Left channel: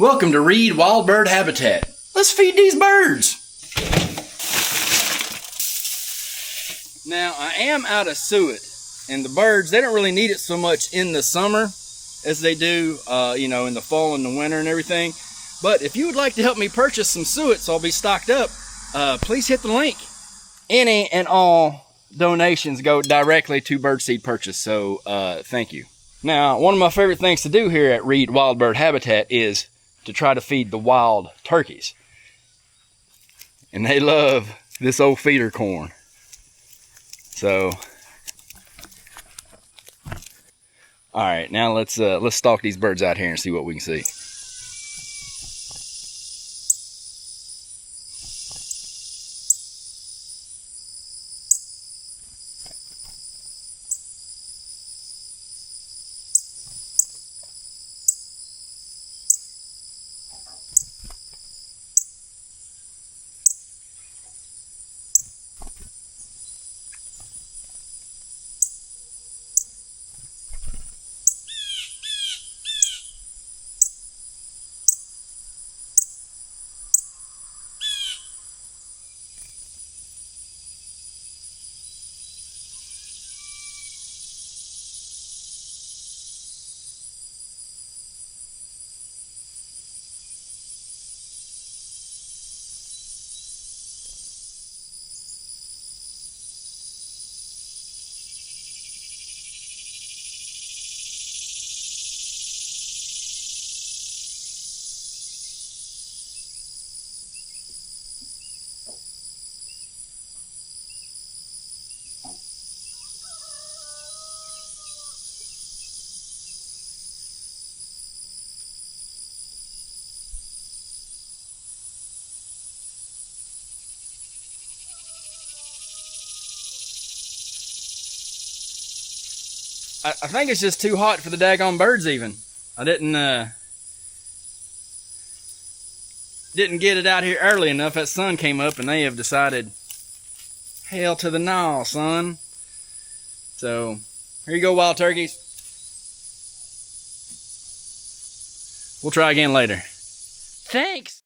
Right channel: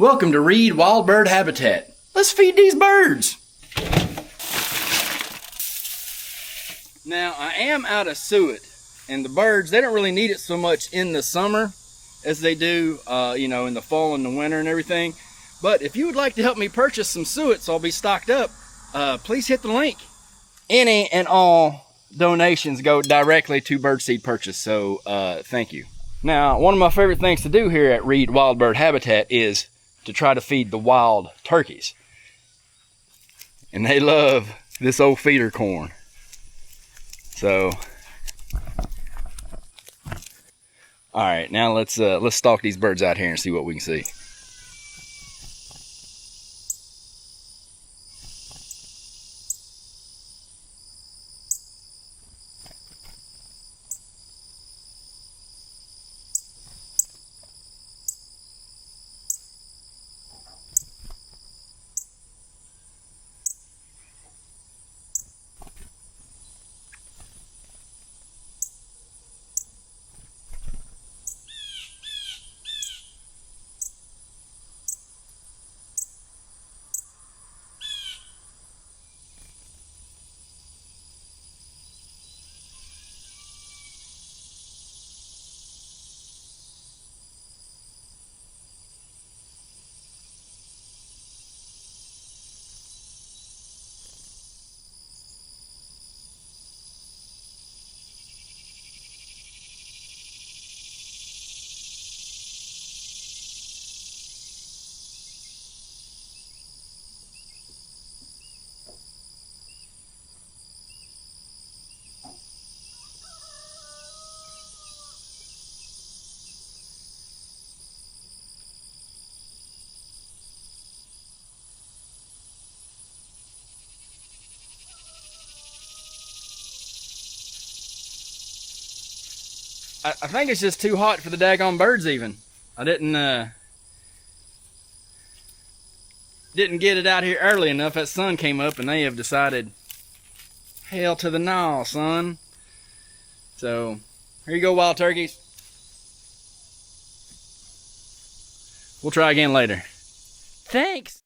Welcome to Reed Wild Bird Habitat. Let's feed these birds. Now, I am out of suet, and the birds, they don't really need it so much in the summer as they do, in the fall and the winter and everything. But if you would like to help me purchase some suet so I'll be stocked up, please hit the link. Any and all donations go directly to birdseed purchase, so thank you. Now, one of my favorite things to do here at Reed Wild Bird Habitat is to try to feed the wild turkeys. And they love this old feeder corn. So, all right, now let's stalk these birds out here and see what we can see. I think it's just too hot for the daggone birds even. I didn't get it out here early enough. That sun came up and they have decided, hell to the no, son. So, here you go, wild turkeys. We'll try again later. Thanks.